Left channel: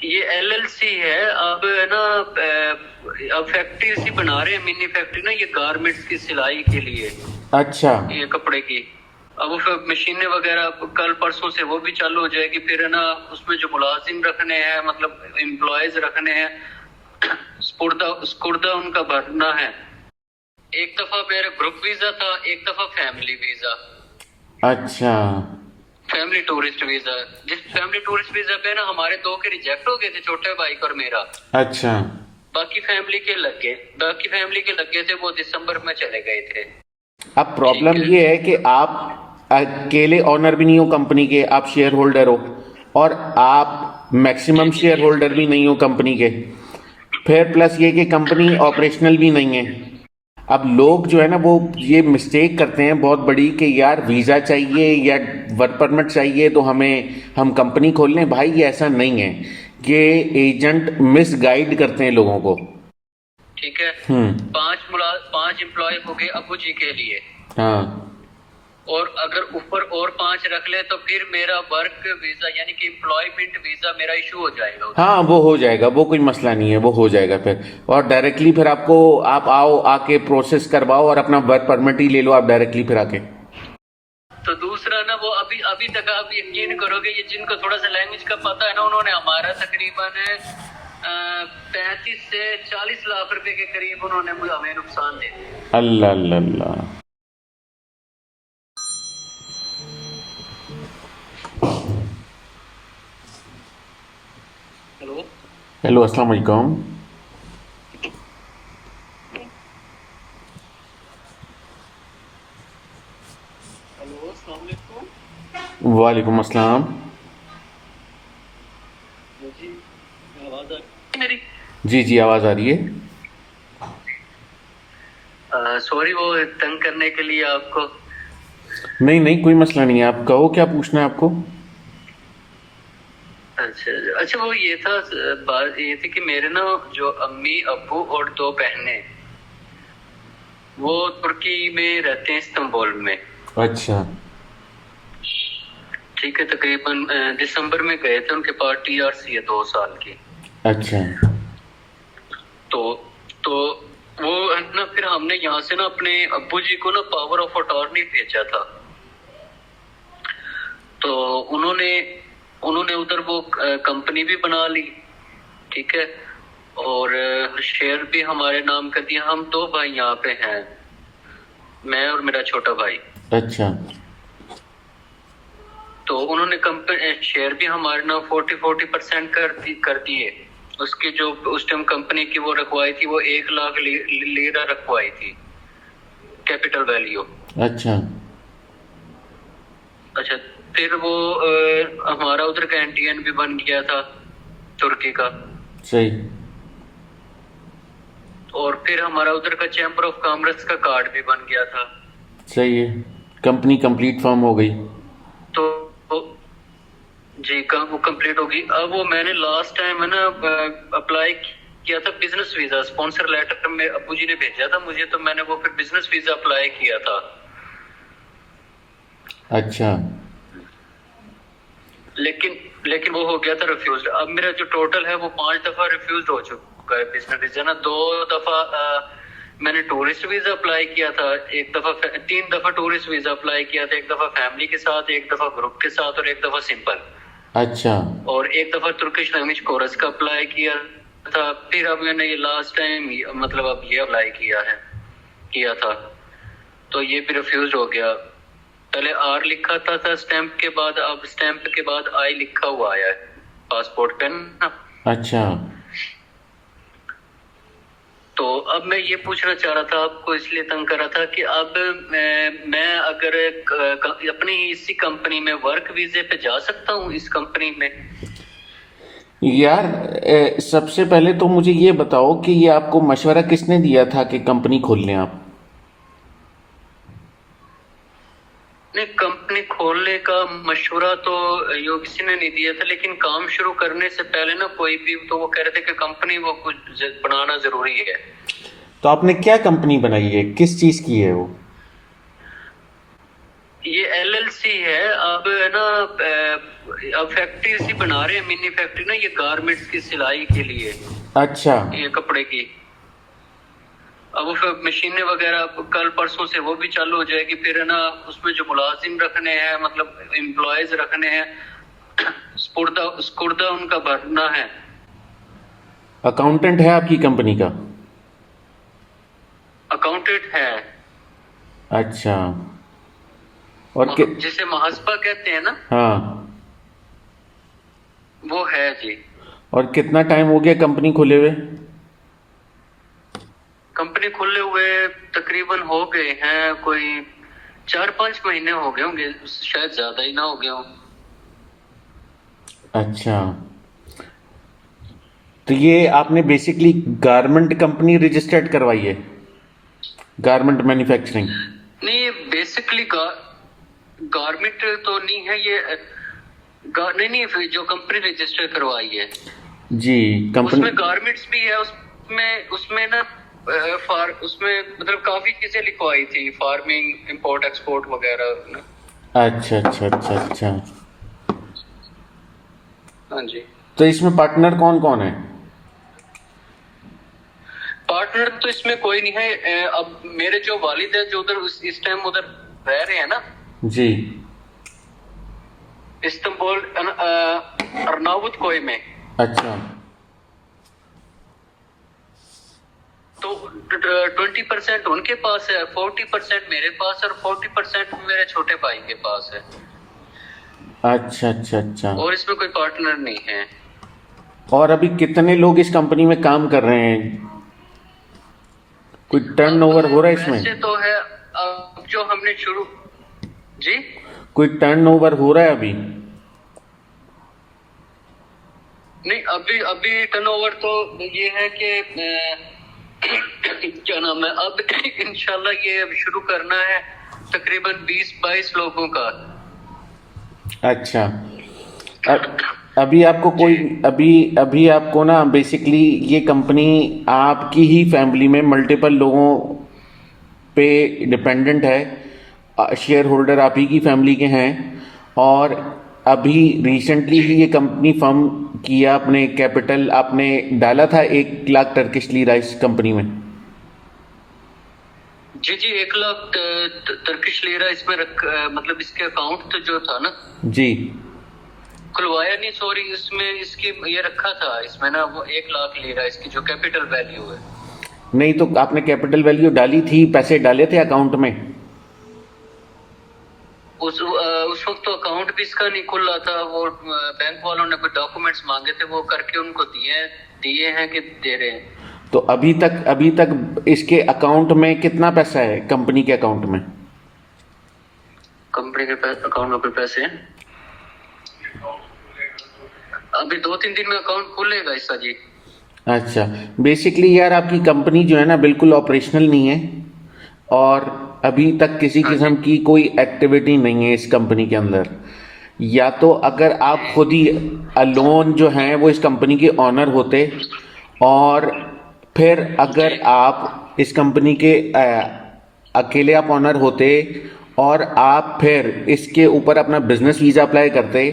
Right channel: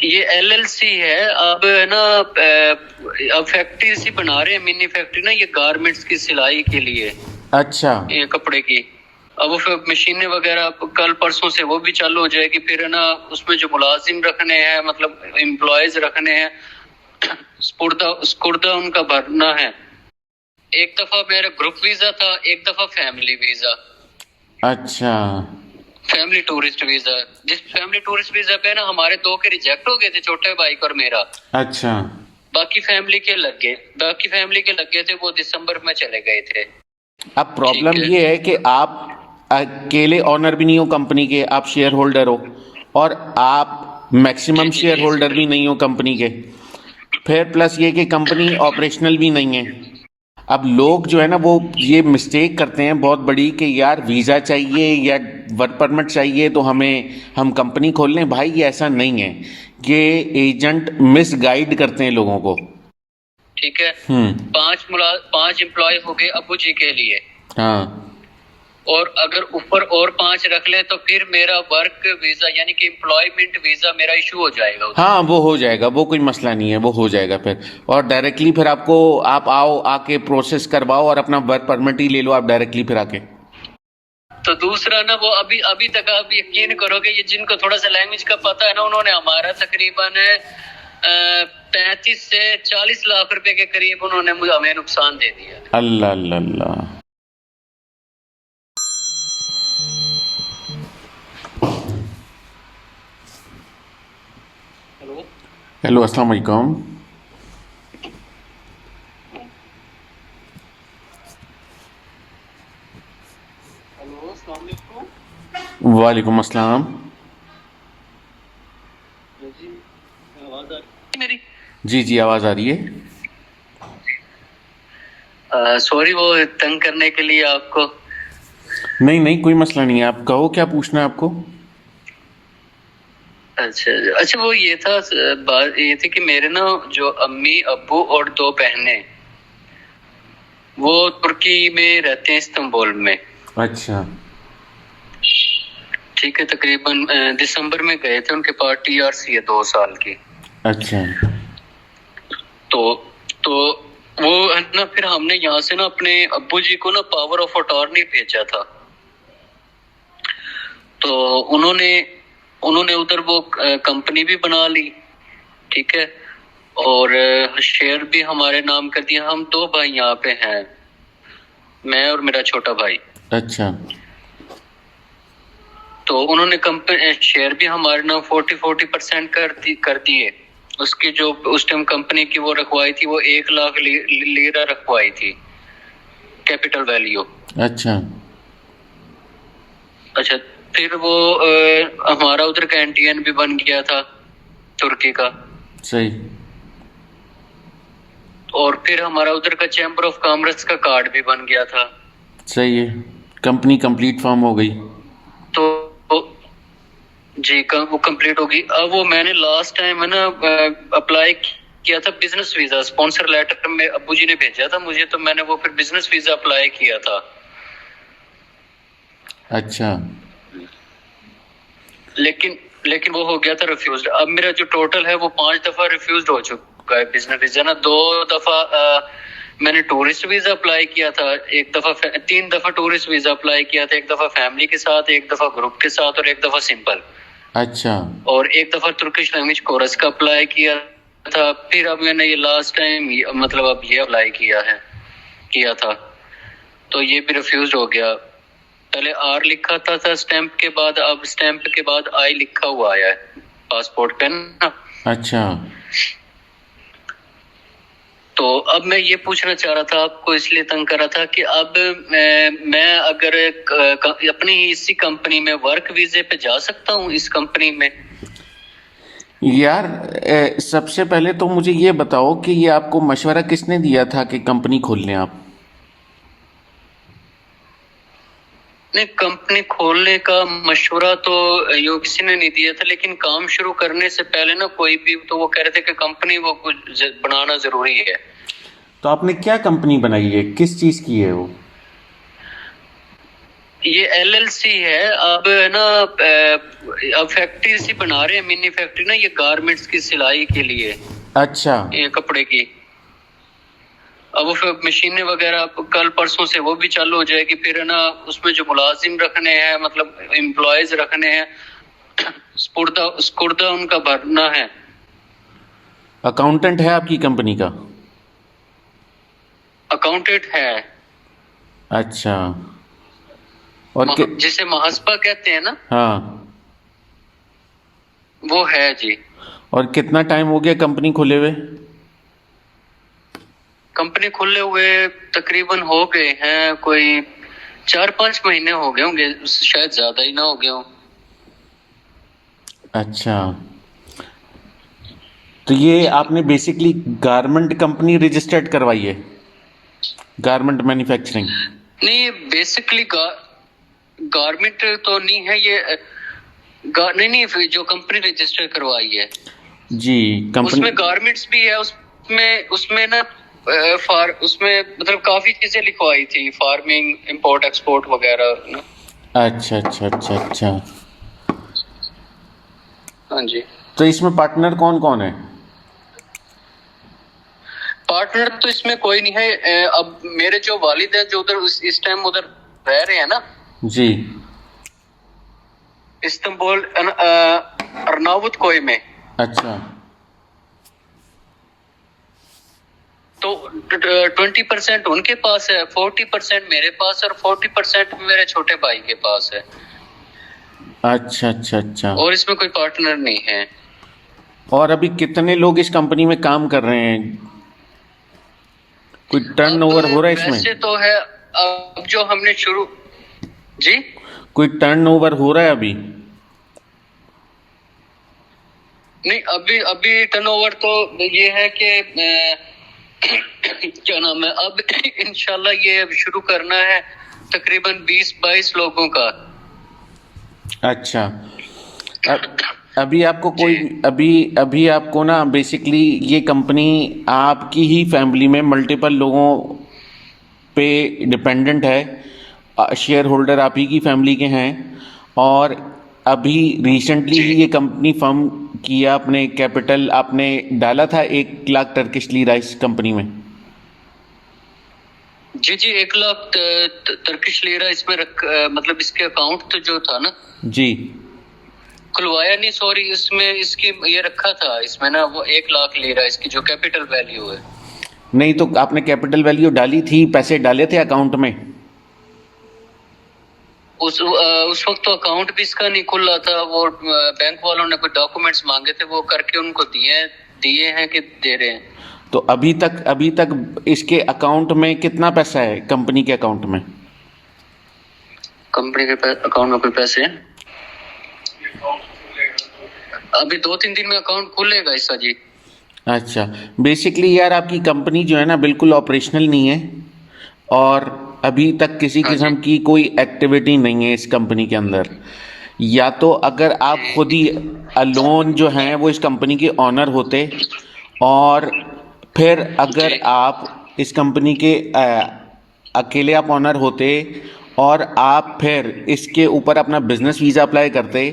ये एलएलसी है। अब है ना, अब फैक्ट्री सी बना रहे हैं, मिनी फैक्ट्री ना, ये गारमेंट्स की सिलाई के लिए, अच्छा। ये कपड़े की। अब वो फिर मशीनें वगैरह कल परसों से वो भी चालू हो जाएगी। फिर है ना, उसमें जो मुलाजिम रखने हैं, मतलब एम्प्लॉयज रखने हैं, स्पुर्दा स्कुर्दा उनका भरना है। एक दफा मेरा ग्रुप वीजा था, एक दफा फैमिली वीजा, अच्छा। Family tourist visa. जिस फैमिली टूरिस्ट वीजा पे ना हमारे दो के रिजेक्ट हो गए थे, छोटे भाई का और मेरा। अच्छा। बाकी फैमिली के लग गए, बाकी फैमिली के लग गए थे, वो दिसंबर में चले गए थे। अब ठीक प्रॉब्लम है। ये है कि आप अकेले ऑनर भी नहीं हो कंपनी के, आप शेयर होल्डर हो, और आप जी मैक्सिमम जी शेयर जी होल्डर भी नहीं हो कंपनी के। फिर प्लस ये कि कंपनी ऑपरेशनल भी नहीं है। अब लोग जो है ना वो ये मिस्टेक करते हैं बहुत बड़ी कि यार वीज़ा चाहिए या वर्क परमिट चाहिए तो हम कंपनी खोल लें। भाई ये ऐसा नहीं है। ये एजेंट मिसगाइड करते हैं लोगों को। ठीक है। हम्म। पांच एम्प्लॉय हो गए अबू जी के लिए। हाँ। और अगर ऊपर और पांच रख ले तो फिर मेरा वर्क वीजा यानी कि एम्प्लॉयमेंट वीजा मेरा इशू हो जाएगा उधर। हाँ वो हो जाएगा, वो कोई मसला नहीं है, वो हो जाएगा फिर। और डायरेक्टली फिर आपको, आप आओ आके प्रोसेस करवाओ और अपना वर्क परमिट ही ले लो आप डायरेक्टली फिर आके। तो दूसरा ना, वो अभी अभी तक आप यकीन करोगे, ये जिनको थोड़ा सा लैंग्वेज का पता है ना, उन्होंने हमारा तकरीबन 35 से 40 लाख रुपए के करीब उन्होंने हमें नुकसान दे दिया। अल्लाह अल्लाह अल्लाह। हेलो। हेलो अस्सलाम वालेकुम। हेलो, अस्सलाम वालेकुम। वालेकुम अस्सलाम। जी, आवाज आ रही है मेरी? जी जी आवाज़ आ रही है। सॉरी वो तंग करने के लिए आपको। नहीं नहीं कोई मसला नहीं है, आप कहो क्या पूछना है आपको। अच्छा अच्छा, वो ये था, बात ये थी कि मेरे ना जो अम्मी अब्बू और दो बहनें, वो तुर्की में रहते हैं, इस्तांबुल में। अच्छा। ठीक है, तकरीबन दिसंबर में गए थे, उनके पास टीआरसी है 2 साल की। अच्छा। तो तो वो है ना, फिर हमने यहाँ से ना अपने अब्बू जी को ना पावर ऑफ अटॉर्नी भेजा था। तो उन्होंने उन्होंने उधर वो कंपनी भी बना ली। ठीक है। और शेयर भी हमारे नाम कर दिया। हम दो भाई यहाँ पे हैं, मैं और मेरा छोटा भाई। अच्छा। तो उन्होंने कंपनी शेयर भी हमारे नाम 40% कर दिए। उसकी जो उस टाइम कंपनी की वो रखवाई थी, वो 1 लाख लीरा रखवाई थी, कैपिटल वैल्यू। अच्छा। अच्छा। फिर वो हमारा उधर का एनटीएन भी बन गया था, तुर्की का। सही। और फिर हमारा उधर का चैम्बर ऑफ कॉमर्स का कार्ड भी बन गया था। सही है। कंपनी कंप्लीट फॉर्म हो गई। तो जी वो कंप्लीट होगी। अब वो मैंने लास्ट टाइम है ना अप्लाई किया था बिजनेस वीजा, स्पॉन्सर लेटर में अब्बू जी ने भेजा था मुझे, तो मैंने वो फिर बिजनेस वीजा अप्लाई किया था। अच्छा। लेकिन लेकिन वो हो गया था रिफ्यूज। अब मेरा जो टोटल है वो 5 दफा रिफ्यूज हो चुका है बिजनेस वीजा ना। 2 दफा मैंने टूरिस्ट वीजा अप्लाई किया था, एक दफा 3 दफा टूरिस्ट वीजा अप्लाई किया था, एक दफा फैमिली के साथ, एक दफा ग्रुप के साथ, और एक दफा सिंपल। अच्छा। और एक दफा तुर्किश लैंग्वेज कोर्स का अप्लाई किया था। फिर अब मैंने ये लास्ट टाइम मतलब अब ये अप्लाई किया था, तो ये भी रिफ्यूज हो गया। पहले आर लिखा था स्टैंप के बाद, अब स्टैंप के बाद आई लिखा हुआ आया है पासपोर्ट पे ना। अच्छा। तो अब मैं ये पूछना चाह रहा था आपको, इसलिए तंग कर रहा था कि अब मैं अगर अपनी ही इसी कंपनी में वर्क वीजे पे जा सकता हूँ इस कंपनी में? यार सबसे पहले तो मुझे ये बताओ कि ये आपको मशवरा किसने दिया था कि कंपनी खोल लें आप। नहीं, कंपनी खोलने का मशवरा तो यूं किसी ने नहीं दिया था, लेकिन काम शुरू करने से पहले ना कोई भी तो वो कह रहे थे कि कंपनी वो कुछ बनाना जरूरी है। तो आपने क्या कंपनी बनाई है, किस चीज़ की है वो। ये एलएलसी है। अब है ना, अब फैक्ट्री सी बना रहे हैं, मिनी फैक्ट्री ना, ये गारमेंट्स की सिलाई के लिए, अच्छा ये कपड़े की। अब वो फिर मशीनें वगैरह कल परसों से वो भी चालू हो जाएगी। फिर है ना, उसमें जो मुलाजिम रखने हैं, मतलब एम्प्लॉयज रखने हैं, स्पुर्दा स्कुर्दा उनका भरना है। अकाउंटेंट है आपकी कंपनी का? अकाउंटेंट है, अच्छा। और जिसे महासपा कहते हैं ना, हाँ। वो है जी। और कितना टाइम हो गया कंपनी खुले हुए? कंपनी खुले हुए तकरीबन हो गए हैं कोई 4-5 महीने हो गए होंगे, शायद ज्यादा ही ना हो गए हों। अच्छा, तो ये आपने बेसिकली गारमेंट कंपनी रजिस्टर्ड करवाई है, गारमेंट मैन्युफैक्चरिंग? नहीं, ये बेसिकली गारमेंट तो नहीं है ये। नहीं नहीं, फिर जो कंपनी रजिस्टर करवाई है जी कंपनी। उसमें गारमेंट्स भी है। उसमें उसमें ना उसमें मतलब काफी चीजें लिखवाई थी, फार्मिंग, इंपोर्ट एक्सपोर्ट वगैरह ना। अच्छा अच्छा अच्छा अच्छा। हाँ जी। तो इसमें पार्टनर कौन कौन है? पार्टनर तो इसमें कोई नहीं है। अब मेरे जो वालिद है, जो उधर इस टाइम उधर रह रहे हैं ना, जी। इस्तांबुल अर्नावुत कोई में। अच्छा। तो 20% उनके पास है, 40% मेरे पास, और 40% मेरे छोटे भाई के पास है। अच्छा अच्छा अच्छा। और इसमें कोई पार्टनर नहीं है। और अभी कितने लोग इस कंपनी में काम कर रहे हैं? कोई अब टर्नओवर हो रहा है वैसे इसमें? तो है, अब जो हमने शुरू, जी, कोई टर्नओवर हो रहा है अभी? नहीं, अभी अभी टर्नओवर तो ये है कि क्या नाम है, अब इंशाल्लाह ये अब शुरू करना है तकरीबन 20-22 लोगों का। अच्छा। अभी आपको कोई अभी अभी आपको ना बेसिकली ये कंपनी आपकी ही फैमिली में मल्टीपल लोगों पे डिपेंडेंट है, शेयर होल्डर आप ही की फैमिली के हैं, और अभी रिसेंटली जी ही ये कंपनी फॉर्म किया, अपने कैपिटल आपने डाला था 1 लाख टर्किश लीरा इस कंपनी में? जी जी, 1 लाख टर्किश लीरा इसमें मतलब इसके अकाउंट तो जो था ना, जी। खुलवाया नहीं, सॉरी, इसमें इसकी ये रखा था इसमें ना, वो 1 लाख लीरा इसकी जो कैपिटल वैल्यू है। नहीं तो आपने कैपिटल वैल्यू डाली थी, पैसे डाले थे अकाउंट में? उस वक्त तो अकाउंट भी इसका नहीं खुल रहा था। वो बैंक वालों ने कोई डॉक्यूमेंट्स मांगे थे, वो करके उनको दिए दिए हैं कि दे रहे हैं। तो अभी तक इसके अकाउंट में कितना पैसा है, कंपनी के अकाउंट में? कंपनी के अकाउंट में कोई पैसे हैं? अभी 2-3 दिन में अकाउंट खुलेगा इसका जी। अच्छा। बेसिकली यार आपकी कंपनी जो है ना बिल्कुल ऑपरेशनल नहीं है, और अभी तक किसी हाँ जी। किस्म की कोई एक्टिविटी नहीं है इस कंपनी के अंदर। या तो अगर आप खुद ही अलोन जो हैं वो इस कंपनी के ऑनर होते, और फिर अगर जी आप इस कंपनी के अकेले आप ऑनर होते, और आप फिर इसके ऊपर अपना बिजनेस वीज़ा अप्लाई करते,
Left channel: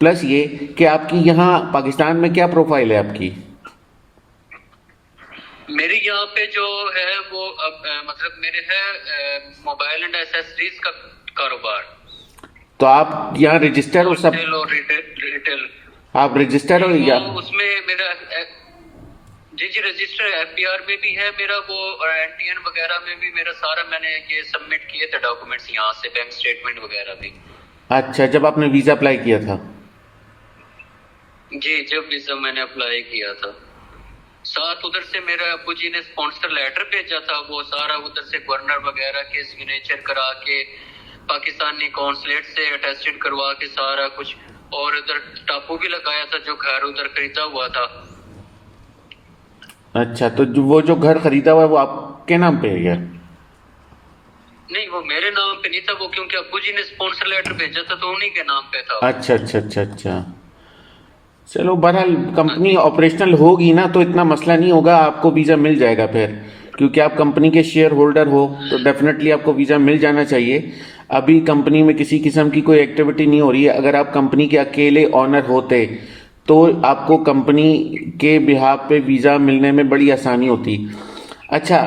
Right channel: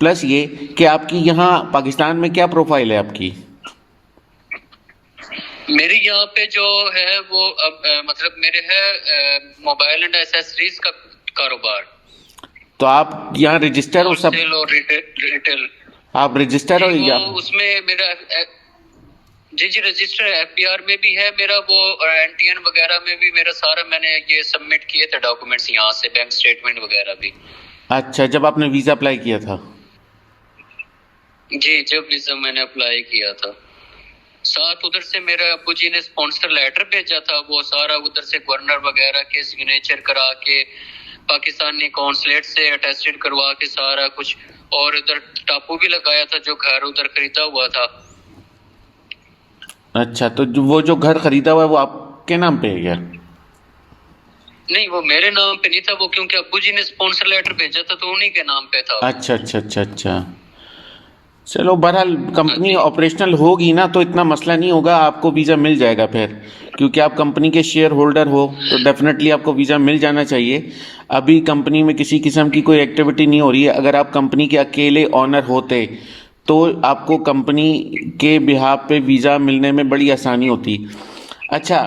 प्लस ये कि आपकी यहाँ पाकिस्तान में क्या प्रोफाइल है आपकी? मेरी यहाँ पे जो है वो अब मतलब मेरे है मोबाइल एंड एसेसरीज का कारोबार। तो आप यहाँ रजिस्टर हो सब? होलसेल और रिटेल। आप रजिस्टर हो जी, वो या? उसमें मेरा जी जी रजिस्टर एफबीआर में भी है मेरा, वो एनटीएन वगैरह में भी मेरा सारा, मैंने ये सबमिट किए थे डॉक्यूमेंट्स यहाँ से, बैंक स्टेटमेंट वगैरह भी। अच्छा, जब आपने वीज़ा अप्लाई किया था? जी, जब वीजा मैंने अप्लाई किया था, साथ उधर से मेरे अब्बू जी ने स्पॉन्सर लेटर भेजा था, वो सारा उधर से गवर्नर वगैरह के सिग्नेचर करा के, पाकिस्तानी कौंसलेट से अटेस्टेड करवा के सारा कुछ, और उधर टापू भी लगाया था जो घर उधर खरीदा हुआ था। अच्छा, तो वो जो घर खरीदा हुआ है वो आपके नाम पे है क्या? नहीं, वो मेरे नाम पे नहीं था, वो क्योंकि अब्बू जी ने स्पॉन्सर लेटर भेजा था तो उन्हीं के नाम पे था वो। अच्छा अच्छा अच्छा अच्छा। चलो बहरहाल कंपनी ऑपरेशनल होगी ना तो इतना मसला नहीं होगा, आपको वीज़ा मिल जाएगा फिर, क्योंकि आप कंपनी के शेयर होल्डर हो तो डेफिनेटली आपको वीज़ा मिल जाना चाहिए। अभी कंपनी में किसी किस्म की कोई एक्टिविटी नहीं हो रही है। अगर आप कंपनी के अकेले ऑनर होते तो आपको कंपनी के बिहाफ पे वीज़ा मिलने में बड़ी आसानी होती। अच्छा,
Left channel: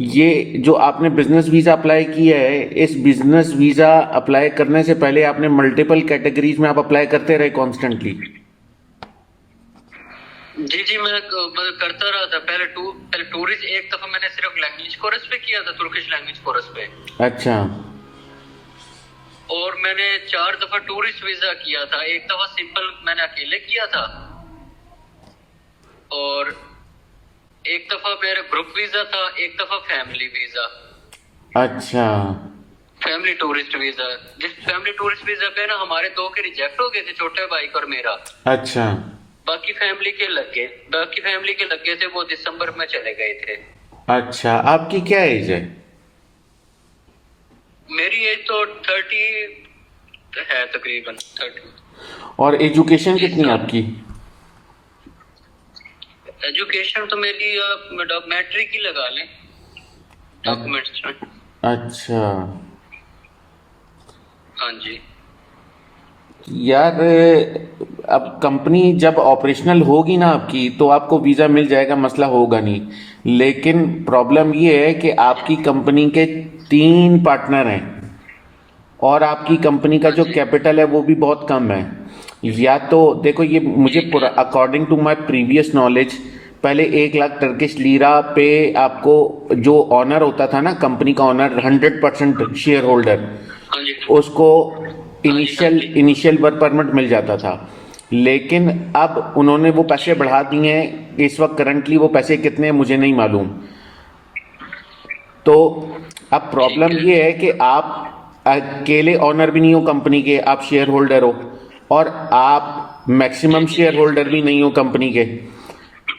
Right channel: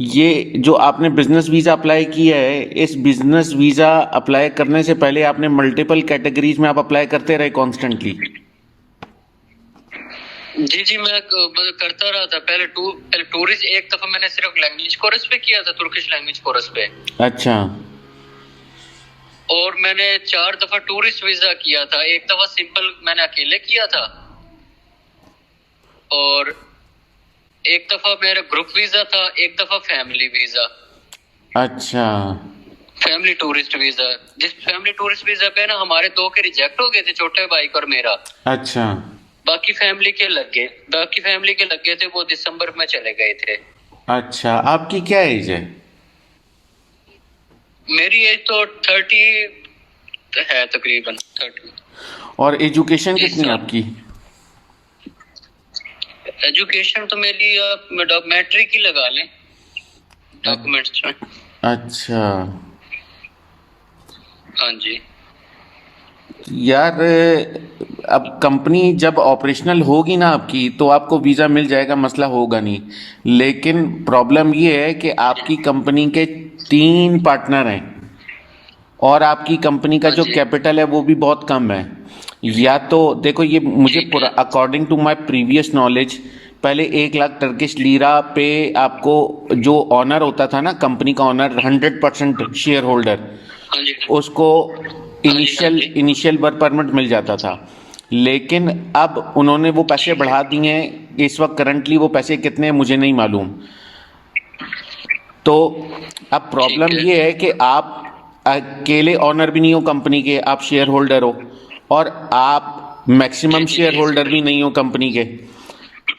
ये जो आपने बिजनेस वीज़ा अप्लाई किया है, इस बिजनेस वीज़ा अप्लाई करने से पहले आपने मल्टीपल कैटेगरीज में आप अप्लाई करते रहे कॉन्स्टेंटली? जी जी, मैं करता रहा था। पहले टूरिस्ट, एक दफा मैंने सिर्फ लैंग्वेज कोर्स पे किया था, तुर्किश लैंग्वेज कोर्स पे। अच्छा। और मैंने 4 दफा टूरिस्ट वीजा किया था। एक दफा सिंपल मैंने अकेले किया था, और एक दफा मेरा ग्रुप वीजा था, एक दफा फैमिली वीजा, अच्छा। Family tourist visa. जिस फैमिली टूरिस्ट वीजा पे ना हमारे 2 के रिजेक्ट हो गए थे, छोटे भाई का और मेरा। अच्छा। बाकी फैमिली के लग गए थे, वो दिसंबर में चले गए थे। अच्छा, आपकी क्या एज है? मेरी एज तो 30 है, तकरीबन 30। और एजुकेशन जी कितनी है सर। आपकी? एजुकेशन तो मेरी मैट्रिक ही लगा लें डॉक्यूमेंट्स में। अच्छा। हाँ जी। यार, अब कंपनी जब ऑपरेशनल होगी ना आपकी तो आपको वीज़ा मिल जाएगा, मसला होगा नहीं। लेकिन प्रॉब्लम ये है कि आपकी कंपनी के 3 पार्टनर हैं और आपकी कंपनी का हाँ जो जी। कैपिटल है वो भी बहुत कम है। या तो देखो, ये मुझे ठीक है। According to my previous knowledge, पहले 1 लाख टर्किश लीरा पे आपको, जो ऑनर होता था ना, कंपनी का ऑनर, 100% शेयर होल्डर, हाँ जी। उसको हाँ जी। हाँ इनिशियल जी। इनिशियल वर्क परमिट मिल जाता था। लेकिन अब उन्होंने वो पैसे ठीक बढ़ा है। दिए हैं। इस वक्त करंटली वो पैसे कितने हैं मुझे नहीं मालूम। तो अब ठीक प्रॉब्लम है। ये है कि आप अकेले ऑनर भी नहीं हो कंपनी के, आप शेयर होल्डर हो, और आप जी मैक्सिमम जी शेयर जी। होल्डर भी नहीं हो कंपनी के।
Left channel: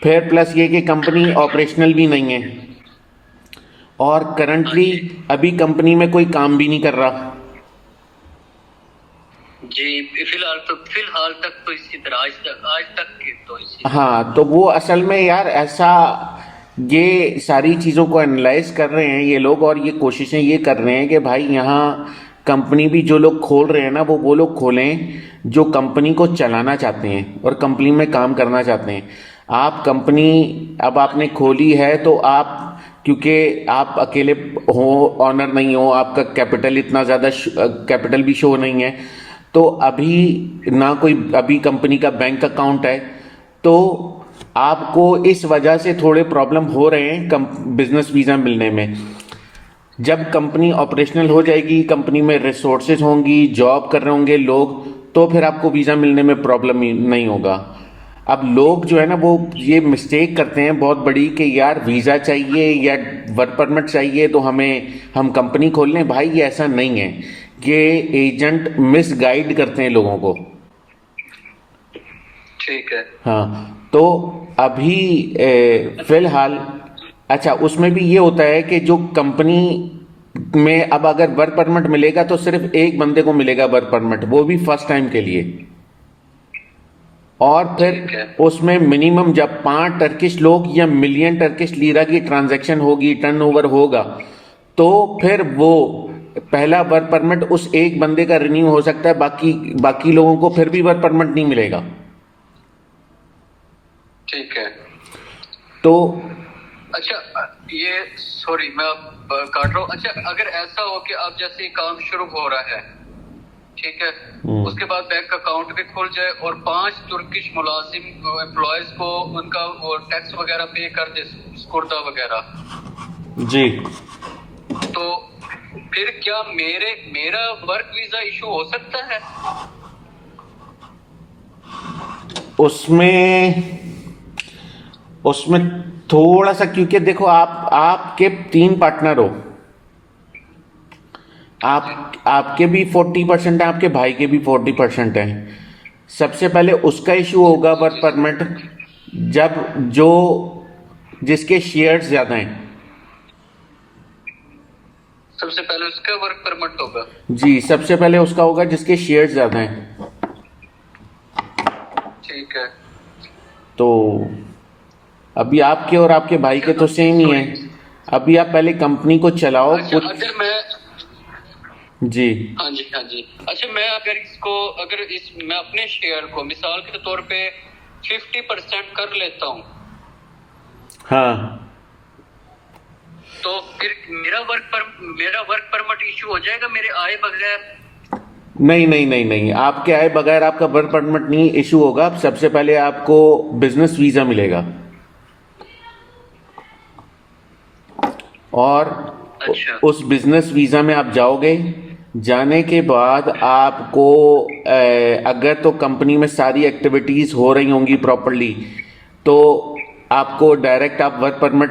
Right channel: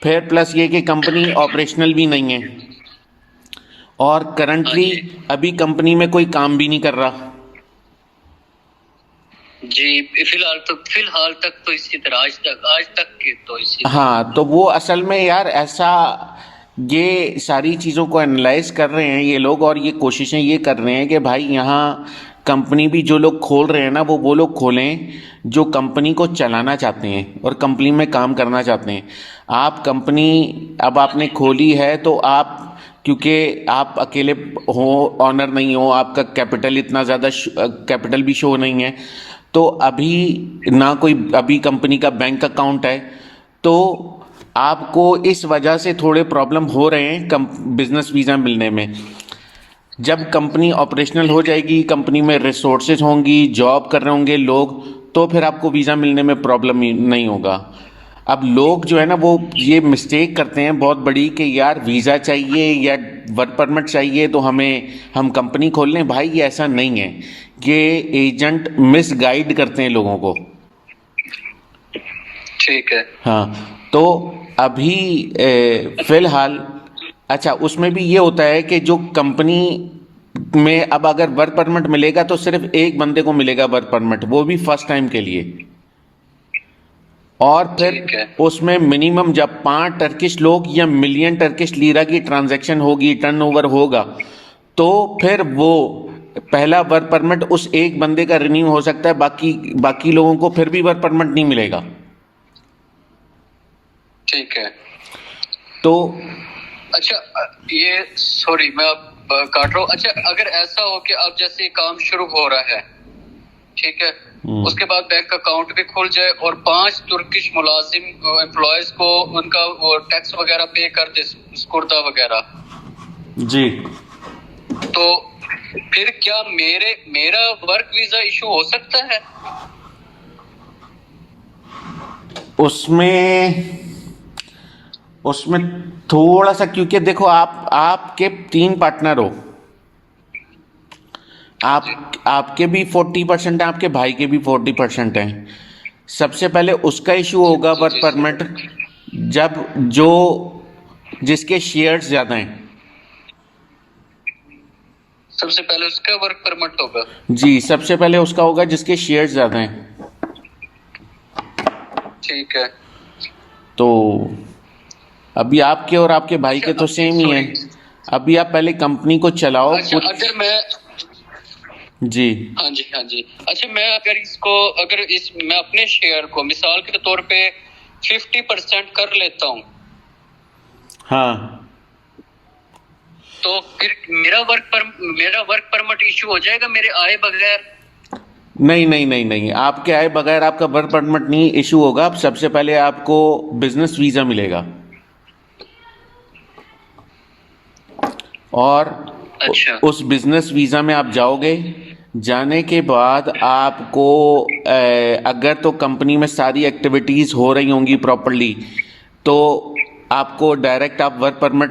फिर प्लस ये कि कंपनी ऑपरेशनल भी नहीं है, और हाँ करंटली जी। अभी कंपनी में कोई काम भी नहीं कर रहा। जी, फिलहाल तक तो इसी तरह, आज तक के तो इसी तरह। हाँ, तो वो असल में यार ऐसा, ये सारी चीज़ों को एनालाइज कर रहे हैं ये लोग, और ये कोशिशें ये कर रहे हैं कि भाई यहाँ कंपनी भी जो लोग खोल रहे हैं ना, वो लोग खोलें जो कंपनी को चलाना चाहते हैं और कंपनी में काम करना चाहते हैं। आप कंपनी अब हाँ आपने जी। खोली है तो आप, क्योंकि आप अकेले हो, ऑनर नहीं हो, आपका कैपिटल इतना ज़्यादा कैपिटल भी शो नहीं है, तो अभी ना कोई अभी कंपनी का बैंक अकाउंट है, तो आपको इस वजह से थोड़े प्रॉब्लम हो रहे हैं बिजनेस वीज़ा मिलने में। जब कंपनी ऑपरेशनल हो ठीक है। जाएगी, कंपनी में रिसोर्सेज होंगी, जॉब कर रहे होंगे लोग, तो फिर आपको वीज़ा मिलने में प्रॉब्लम नहीं होगा। अब लोग जो है ना वो ये मिस्टेक करते हैं बहुत बड़ी कि यार वीज़ा चाहिए या वर्क परमिट चाहिए तो हम कंपनी खोल लें। भाई ये ऐसा नहीं है, ये एजेंट मिसगाइड करते हैं लोगों को। ठीक है। हाँ, तो अभी फिलहाल, अच्छा, उसमें भी ये होता है कि जो कंपनी में अब अगर वर्क परमिट मिलेगा तो सिर्फ एक बंदे को मिलेगा वर्क परमिट, वो भी फर्स्ट टाइम के लिए। और ठीक फिर है। उसमें मिनिमम जब 5 टर्किश लोग या मिलियन टर्किश लीरा की ट्रांजैक्शन होगी, टर्नओवर होगा, तो फिर वो पहला वर्क परमिट उस एक बंदे का रिन्यू हो सकता है, बाकी बाकी लोगों को फिर भी वर्क परमिट नहीं मिलेगा। ठीक है। तो अच्छा, ये सॉरी मैं अब काट रहा हूँ। अच्छा, अगर ऐसा हो कि अब जैसे काम शुरू हो रहा है, ठीक है, उसके बाद बैंक अकाउंट भी खुल जाए और 5 तुर्किश मुलाजिम एम्प्लॉयज को उनका वो टैक्स वगैरह पे कर दे, स्कुर्दा वगैरह, जी, तो फिर क्या मेरा वर्क वीजा इशू हो सकता है? उसमें उसमें थोड़ा सा, क्योंकि देखो आपके 3 पार्टनर हो, हाँ जी। आपके भी 40% है, आपके भाई के भी 40% है। सबसे पहले उसका इशू जी होगा जी वर्क जी सर। परमिट, जब जो जिसके शेयर्स ज्यादा हैं। सबसे पहले उसका वर्क परमिट होगा। जी, सबसे पहले उसका होगा जिसके शेयर्स ज्यादा हैं। ठीक है। तो अभी आपके और आपके भाई के तो सेम ही है। सॉरी। अभी आप पहले कंपनी को चलाओ अच्छा कुछ। अगर मैं, जी हाँ जी हाँ जी, अच्छा मैं अगर इसको, अगर इस मैं अपने शेयर को मिसाल के तौर पे 50% कर लेता हूँ, हाँ। तो फिर मेरा वर्क परमिट इशू हो जाएगा मेरे आए बगैर? नहीं नहीं नहीं नहीं, आपके आए बगैर आपका वर्क परमिट नहीं इशू होगा। सबसे पहले आपको बिजनेस वीज़ा मिलेगा, और अच्छा उस बिजनेस वीज़ा में आप जाओगे। जाने के बाद आपको अगर तो कंपनी में सारी एक्टिविटीज़ हो रही होंगी प्रॉपरली, तो आपको डायरेक्ट आप वर्क परमिट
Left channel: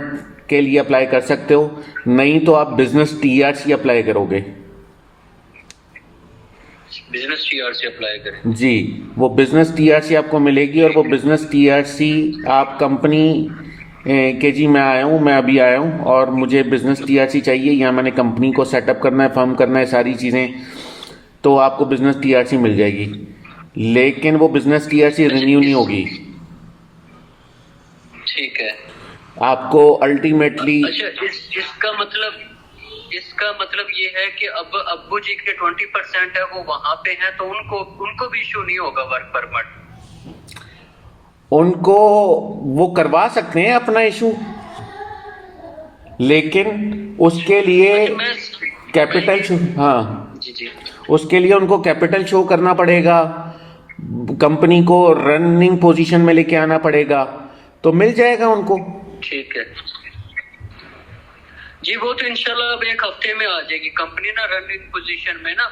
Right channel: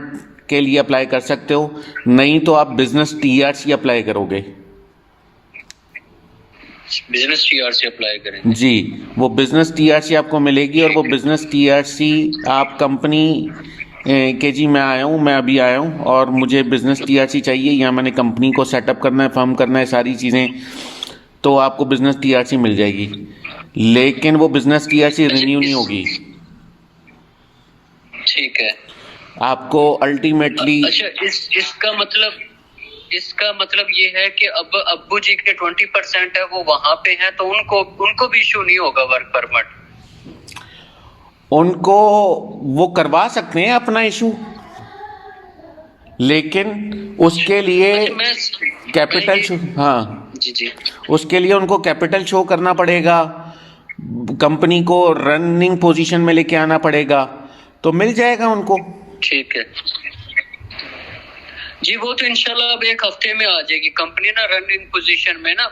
के लिए अप्लाई कर सकते हो। नहीं तो आप बिजनेस टीआरसी अप्लाई करोगे। बिजनेस टीआर से अप्लाई करेंगे। जी, वो बिजनेस टीआरसी आपको मिलेगी, और वो ठीक है। बिजनेस टीआरसी आप कंपनी के जी मैं आया हूँ, मैं अभी आया हूँ और मुझे बिजनेस टीआरसी चाहिए। यहाँ मैंने कंपनी को सेटअप करना है, फर्म करना है, सारी चीज़ें। तो आपको बिजनेस टीआरसी मिल जाएगी, लेकिन वो बिजनेस टीआरसी अच्छा रिन्यू नहीं इस, होगी। ठीक है। आपको अल्टीमेटली, अच्छा इसका मतलब ये है कि अब अब्बू जी के 20% है वो वहां पे हैं, तो उनको भी इशू नहीं होगा वर्क परमिट? उनको वो करवा सकते हैं अपना इशू, लेकिन उसके लिए अच्छा मैं कैपिटल शो, हाँ, जी जी उसके लिए उनको कैपिटल शो करना पड़ेगा, कंपनी को रनिंग पोजीशन में लेके आना पड़ेगा, तो मिल जाएगा उनको। ठीक है जी। वो तो इंशाल्लाह अब एक हफ्ते में आ जाएगी कंपनी ना रनिंग पोजीशन में ना।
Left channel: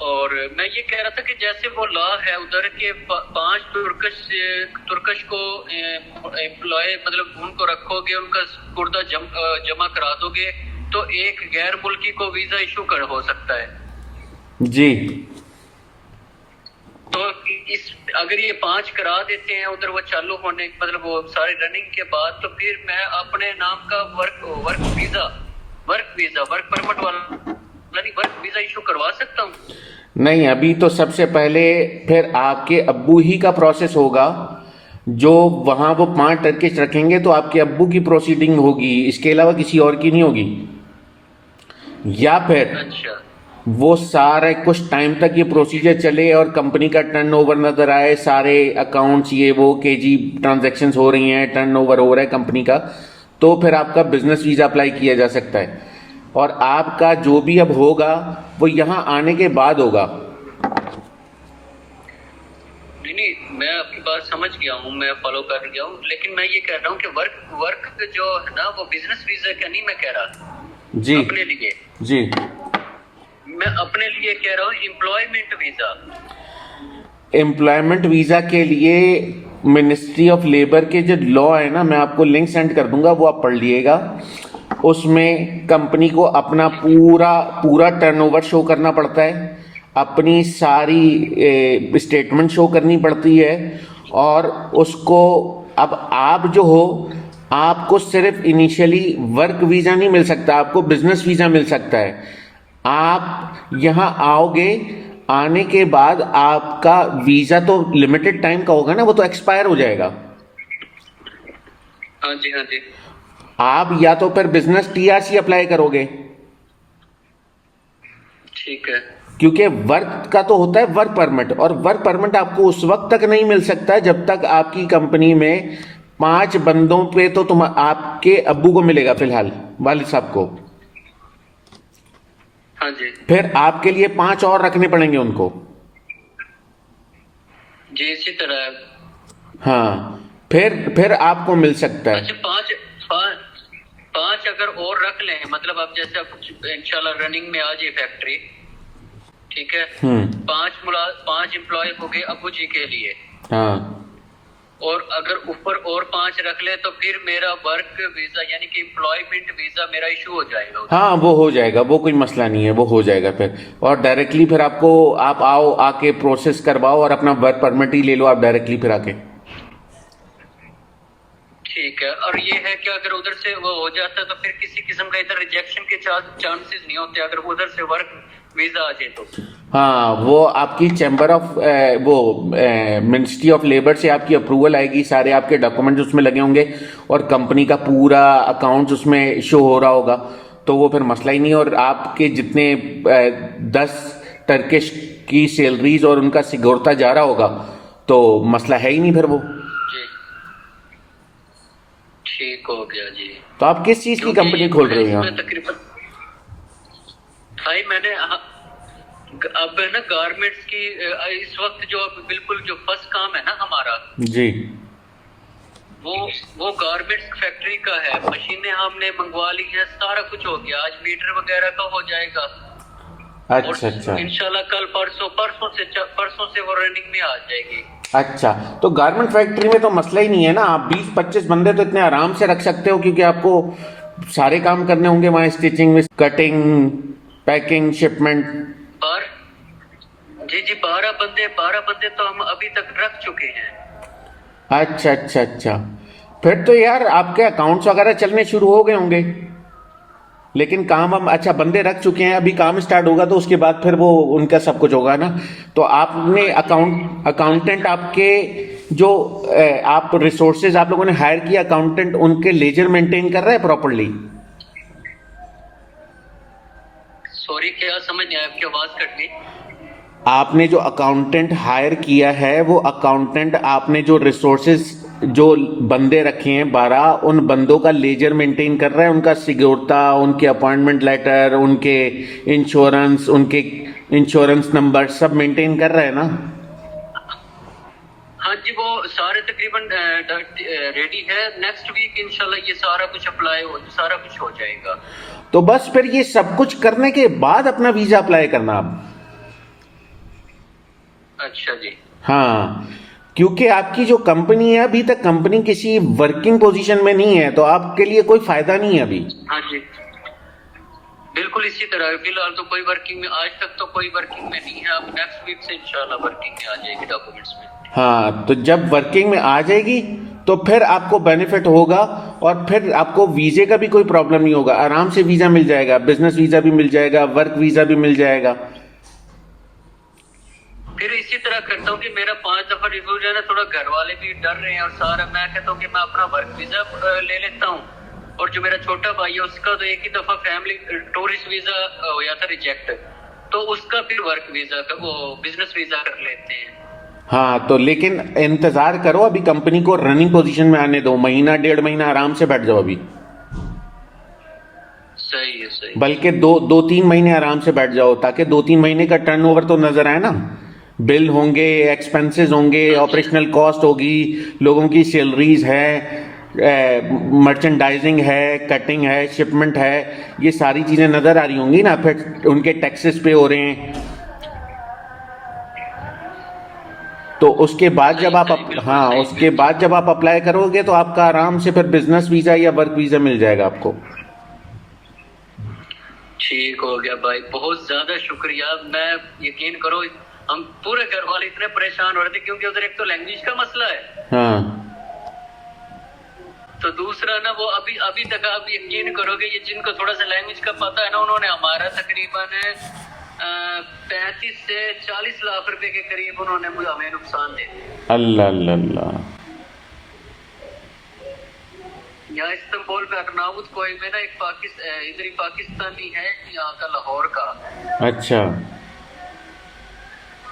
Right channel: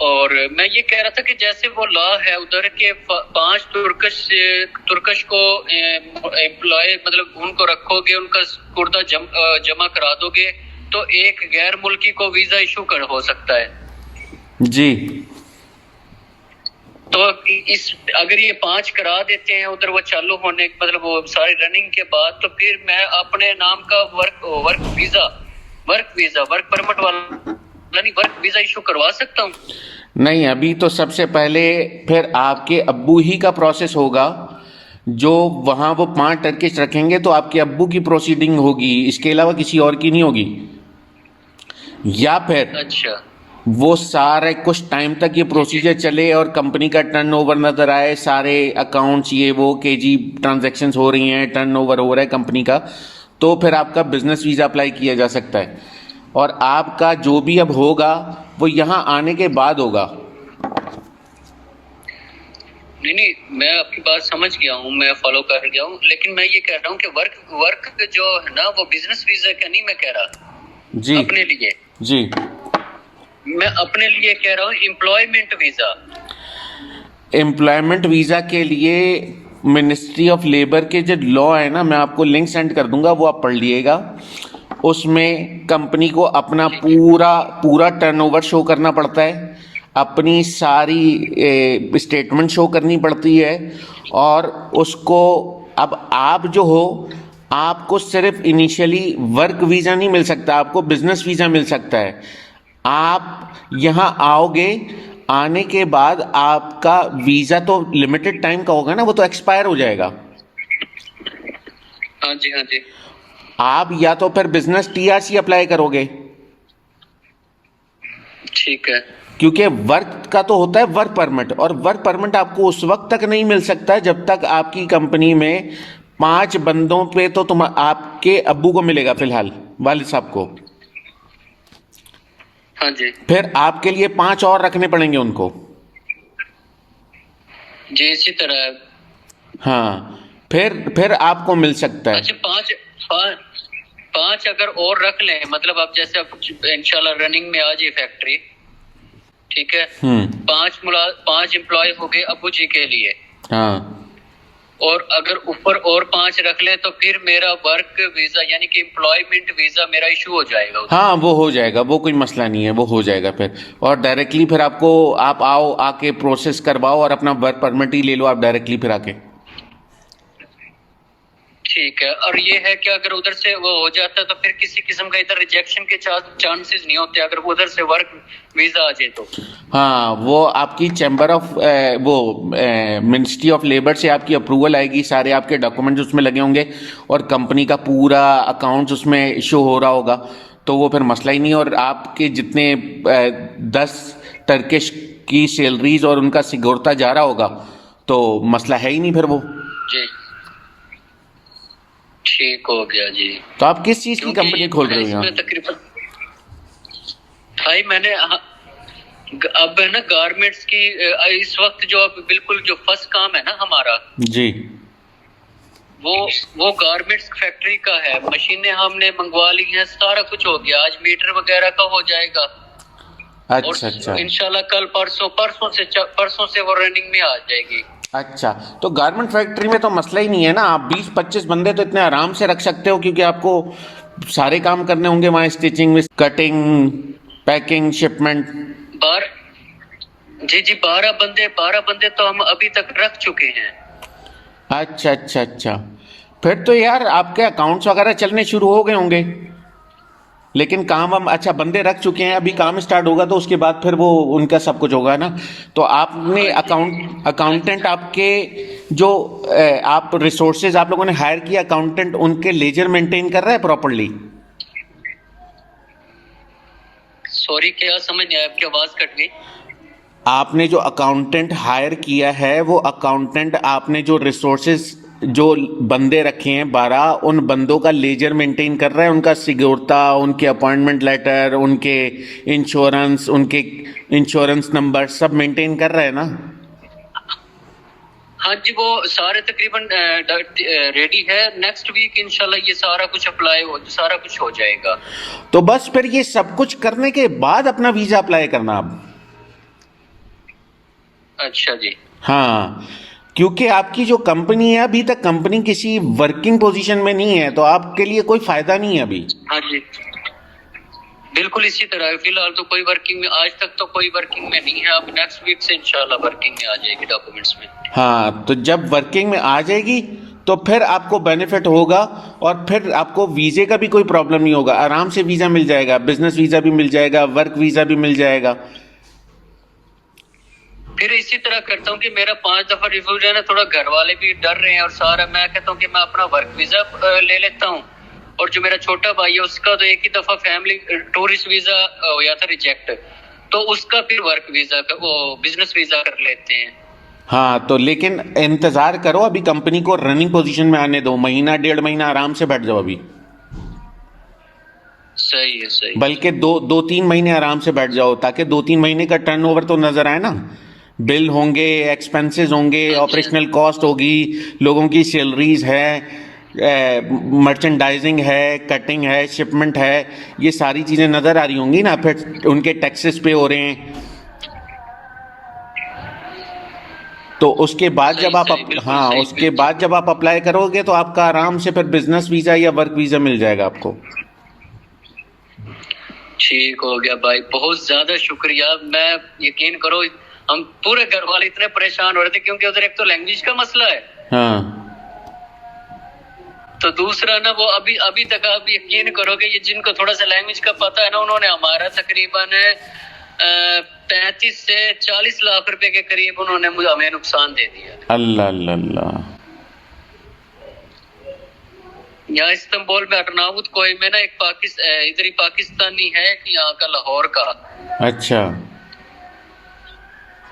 और मैं ये कह रहा था कि जैसे वो लॉ है उधर के 5 तुर्कश को एम्प्लॉय, मतलब उनको रखोगे, उनका कुर्दा जमा करा दोगे, तो एक गैर मुल्की को वीजा इशू कर हो सकता है। जी, तो इस अगर ये 5 करा देते हैं उधर वो चालू होने, मतलब वो सारी रनिंग के बाद, तो फिर मैं अपने नाम का वर्क परमिट वाला यानी वर्क वीजा इशू करवा सकता हूँ? नहीं, अभी तो सबसे पहले फिर आपके अब्बू ही का प्रोसेस होगा। जो वहाँ वो 5 टर्किश रखेंगे तो आपके अब्बू की प्रोसीडिंग होगी, इसके अलावा किसी और की नहीं होगी। या फिर अच्छा वो सारा कुछ टाइम तक ये प्रोसीजर चले और कंपनी का टर्नओवर नजर आए, सारे अकाउंट्स ये वो केजी ट्रांजैक्शंस हो रही हैं, टर्नओवर हो रहा है कंपनी का, तो फिर आपका बिजनेस वीजा अप्लाई किया जा सकता है। और आपका जो भी अब होगा वो यहाँ आने के बाद होगा। नहीं नहीं, मैं आपकी बात समझ गया हूँ, मैं फॉलो कर गया हूँ, लेकिन मैं ये कह रहा हूँ कि वर्क जो है ना वो बिजनेस वीजा का नहीं मैं कह रहा जी अपने लिए, जी, मैं अपने लिए कह रहा हूँ एम्प्लॉयमेंट वीजा। एम्प्लॉयमेंट वीज़ा के लिए मिनिस्ट्री ऑफ लेबर के जो लॉ है ना, मैं आपको लिंक सेंड कर दूंगा, वो आप पढ़ लिएगा। उसमें कंपनी को अपना पूरा पूरा टर्नओवर शो करना पड़ता है, अपनी सारी स्टेटमेंट शो करनी पड़ती है, और उसको अब आप जो हो, आपको सिर्फ इनिशियली वर्क वीज़ा नहीं मिल सकता, आपको बिजनेस वीज़ा मिल सकता है। आप यहाँ आओगे, आने के बाद आपका वीज़ा तो लिमिटेड टाइम का होगा ना, वो तो एक्सपायर हो जाएगा। हाँ जी हाँ जी। आप या तो फिर बिजनेस टीआरसी अप्लाई करोगे, ठीक है। क्योंकि वर्क का तो होता है वर्क परमिट, और वर्क परमिट आपको उस वक्त तक नहीं मिल सकता है जब तक आपकी कंपनी में 5 बंदों पे तो तुम आपके अब्बू को मिलेगा, फिलहाल वालिद साहब को। हाँ जी फिर आपके लिए 5 और रखने पड़ेंगे उनको। जी, इसी तरह। हाँ, फिर आपको मिल सकता है। अच्छा पांच अगर और रख लें, मतलब अब जैसे अब इंशाल्लाह रनिंग में आ जाए फैक्ट्री, ठीक है, 5 एम्प्लॉय हो गए अबू जी के लिए, हाँ, और अगर ऊपर और 5 रख लें तो फिर मेरा वर्क वीजा यानी कि एम्प्लॉयमेंट वीजा मेरा इशू हो जाएगा उसमें। हाँ, वो हो जाएगा, वो कोई मसला नहीं है, वो हो जाएगा फिर। और डायरेक्टली फिर आपको, आप आओ, आके प्रोसेस करवाओ और अपना वर्क परमिट ही ले लो आप डायरेक्टली फिर आके। ठीक है। और ये है कि अगर उधर से वो हो जाता तो फिर किसी किस्म का इधर रिजेक्शन के चांसेस नहीं होते अगर उधर से वर्क वीजा आ जाए तो। हाँ, वो आपकी चैम्बर ऑफ वो मिनिस्ट्री ऑफ लेबर से आपकी अप्रूवल आएगी, सारे आपके डॉक्यूमेंट्स उसमें लगे होंगे और कंपनी का पूरा अकाउंट्स उसमें शो हो रहा होगा, तो वो फिर मसला ही नहीं। और आपके जितने 10 टर्किश की सैलरीज और उनका सिक्योरता जा रहा होगा तो मसला है ही नहीं फिर वो। जी ठीक हो गया जी। तो आप किस चीज़ की कंपनी खोल रहे हैं? इसमें तकरीबन भाई मैंने अब है ना गारमेंट्स की इस वक्त जो अब बिल्कुल जो फर्स्ट काम है ना हमारा जी, वो गारमेंट्स फैक्ट्री का है। मशीनें हमने मंगवा ली हैं, सारा कुछ हो गया। आज मीटर वगैरह का हो जाएगा। अच्छा अच्छा इंशाल्लाह कल परसों से वो रनिंग में आ जाएगी। अच्छा। तो गारमेंट फैक्ट्री में तो मसला ही नहीं है ना, आप 20-25 बंदे तो इतने आराम से रख सकते हो, क्योंकि आपको सारे काम करने होंगे वहाँ, स्टिचिंग, कटिंग, पैकिंग, शिपमेंट। जी 12 बंदे तो हम अभी तक रख चुके हैं। अच्छा अच्छा अच्छा, फिर तो यार आपके अकाउंट्स वगैरह चलने शुरू हो गए होंगे। लेकिन काम हम अच्छा बंदे रख चुके हैं, अभी काम स्टार्ट होगा तो उसके बाद फिर वो उनका सब कुछ होगा ना। तो आपने अकाउंटेंट आपके जो आप रिसोर्सेज आप लोगों ने हायर किया, अकाउंटेंट उनके लेजर मेंटेन कर रहा है प्रॉपरली? सॉरी क्या समझ नहीं आया, आपकी आवाज कट गई। आपने जो अकाउंटेंट हायर किया है वो अकाउंटेंट आपने जो रिसोर्सेज जो बंदे रखे हैं 12, उन बंदों का लेजर मेंटेन कर रहा है, उनका सिक्योरता, उनके अपॉइंटमेंट लेटर, उनके इंश्योरेंस, उनके इंश्योरेंस नंबर सब मेंटेन कर रहा है ना? हाँ जी, वो सारे तकरीबन रेडी है। नेक्स्ट वीक इंशाल्लाह ये सारा कुछ सारा कुछ हो जाएगा। तो बस फिर ये सब कुछ करने के बाद अपना वीजा अप्लाई करना आप। अच्छा जी। हाँ, क्योंकि आपकी जो कंपनी है अभी तक कंपनी किसी वर्किंग पोजीशन में नहीं है, तो आपके लिए कोई फायदा नहीं है अभी। हाँ जी बिल्कुल इसी तरह। फिलहाल तो कोई वर्किंग में, आज तक तो कोई वर्किंग में नहीं है। अब नेक्स्ट वीक से इंशाल्लाह वर्किंग में आ जाएगी डॉक्यूमेंट्स में। हाँ, तो जब वर्किंग में आ जाएगी तो फिर आपको बेनिफिट होगा और फिर आपको वीजे का भी कोई प्रॉब्लम नहीं होगा, आराम से वीजा मिल जाएगा, बिजनेस वीजा भी मिल जाएगा, वर्क वीजा भी मिल जाएगा। फिर इसी तरह करता हूँ कि मेरा 5 दफा रिफ्यूज है ना, थोड़ा घर वाले भी डर रहे हैं और सारा, मैं कहता हूँ कि मैं अपना वर्क वीजा ले लेता हूँ। और जो मेरा छोटा भाई है उसका तो एक ही दफा फैमिली टूरिस्ट वीजा हो गया था रिजेक्ट, तो उसका फिर वर्क वीजा का वो बिजनेस वीजा कर लेते हैं। हाँ, तो लेकिन इंतजार करो, अभी कंपनी को रनिंग पोजीशन में आने दो, महीना 1.5 महीना आराम से बैठ जाओ अभी। सही है सही। बल्कि 2-3 महीने आराम से बैठ जाओ, ताकि 2-3 महीने का टर्नओवर तो नजर आए ना। बिल होंगे, एक्सपेंसेस होंगे, ऑपरेशनल कॉस्ट होगी, लोगों की सैलरीज है, मर्चेंडाइजिंग है, कटिंग है, शिपमेंट है, ये सारी चीजें नजर आ रही होंगी ना। फिर उनके टैक्सेस पे हो रहे हैं, तो उसके बाद जब आप हाँ उसके बाद जब आप अप्लाई करोगे तो आपका आराम से फिर बिजनेस वीजा या वर्क वीजा मिल जाएगा आपको। ठीक हो गया भाई, बहुत ज्यादा शुक्रिया। मैं यकीन करो हम पूरे घर वाले इतने परेशान हो रहे थे, क्योंकि उधर एक तो लैंग्वेज का मसला है, हाँ, तो दूसरा ना वो अभी तक आप यकीन करोगे, ये जिनको थोड़ा सा लैंग्वेज का पता है ना, उन्होंने हमारा तकरीबन 35 से 40 लाख रुपए के करीब उन्होंने हमें नुकसान दे दिया। अल्लाह अल्लाह अल्लाह। यहाँ इस्तांबुल में अर्नाउत कोई में ना एक इधर ही पाकिस्तानी है, यहाँ का लाहौर का। अच्छा,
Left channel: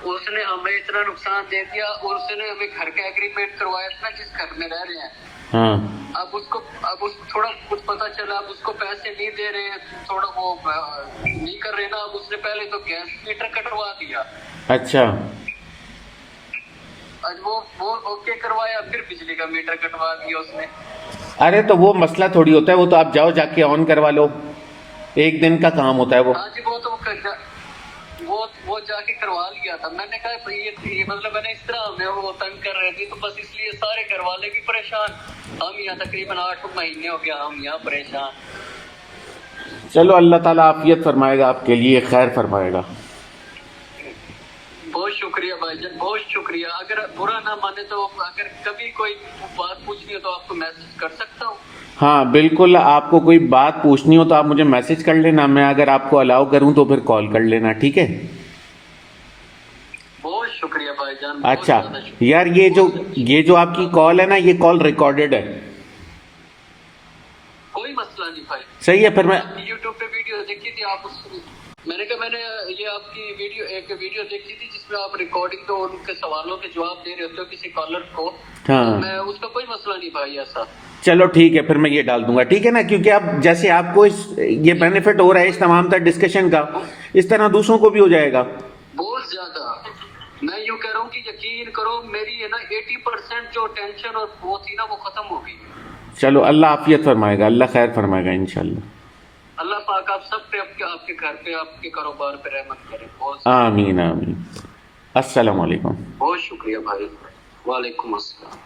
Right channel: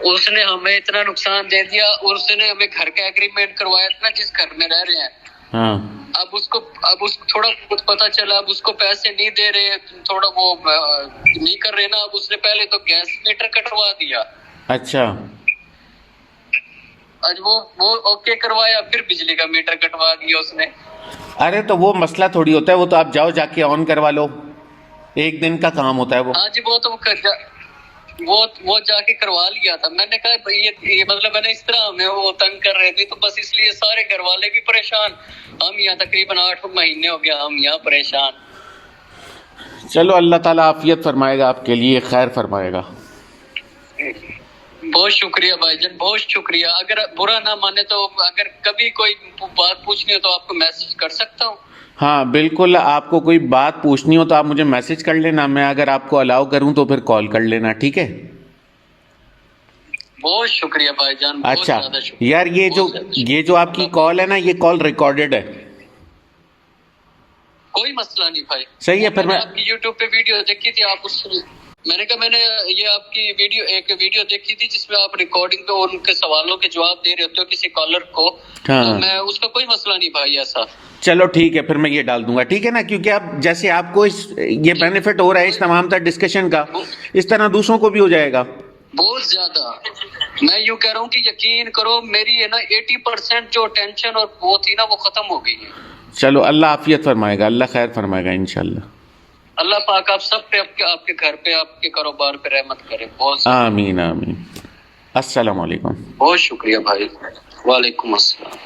उसने हमें इतना नुकसान दे दिया, उसने हमें घर का एग्रीमेंट करवाया था जिस घर में रह रहे हैं। हाँ, अब उसको थोड़ा कुछ पता चला, अब उसको पैसे नहीं दे रहे, थोड़ा वो नहीं कर रहे ना। अब उसने पहले तो गैस मीटर कटवा दिया। अच्छा, आज वो ओके करवाया, फिर बिजली का मीटर कटवा दिया उसने। अरे तो वो मसला थोड़ी होता है, वो तो आप जाओ जाके ऑन करवा लो, एक दिन का काम होता है वो। हाँ जी, वो जाके करवा लिया था। मैंने कहा ये मतलब मैंने इस तरह हमें वो तंग कर रहे थे, तो बस इसलिए सारे घर वाले भी परेशान, हम यहाँ तकरीबन 8 महीने हो गया हम यहाँ परेशान। चलो अल्लाह ताला आफियत फरमाएगा, आपके लिए खैर फरमाएगा। बहुत शुक्रिया भाईजान, बहुत शुक्रिया। अगर बुरा ना माने तो अगर कभी कोई बात पूछनी हो तो आपको मैसेज कर सकता हूँ? हाँ बिल्कुल, आपको कोई बात पूछनी हो तो आप मुझे मैसेज कर लेना, मैं अगर आपको अलाउ करूं तो फिर कॉल कर लेना, ठीक है? बहुत शुक्रिया भाईजान, बहुत अच्छा ज्यादा शुक्रिया। यार, ये जो आपकी कॉल है ना, ये कॉल रिकॉर्डेड है। कोई मसला नहीं भाई। सही है, फिर मैंने मैं आपकी यूट्यूब पे वीडियो देखी थी, आप उस मैंने कहा मैंने ये आपकी वीडियो देखी थी जिसमें आप रिकॉर्डिंग पे और उनके सवालों के जवाब दे रहे होते हो किसी कॉलर को। हाँ तो मैं उसका कोई मसला नहीं भाई ऐसा। चलो ठीक है, फिर मैं ये डाल दूंगा, ठीक है ना? क्योंकि अब जैसे आपको ये बेनिफिट हो रहा है इस तमाम तर डिस्कशन का, इस तरह दूसरों को भी हो जाएगा। बहुत ज्यादा। मैं यूं कह रहा हूँ कि यकीन करो मेरी है ना 80% जो टेंशन और वो थी ना वो खत्म हो गई है। चलो अल्लाह आफियत फरमाएगा, अल्लाह खैर फरमाएगा इंशाल्लाह। अल्लाह पाक आप सब पे, आपके घर पे, आपके कारोबार पे रहमत करे। बहुत ज्यादा। आमीन आमीन। अस्सलाम वालेकुम। बहुत शुक्रिया भाई। वालेकुम अस्सलाम।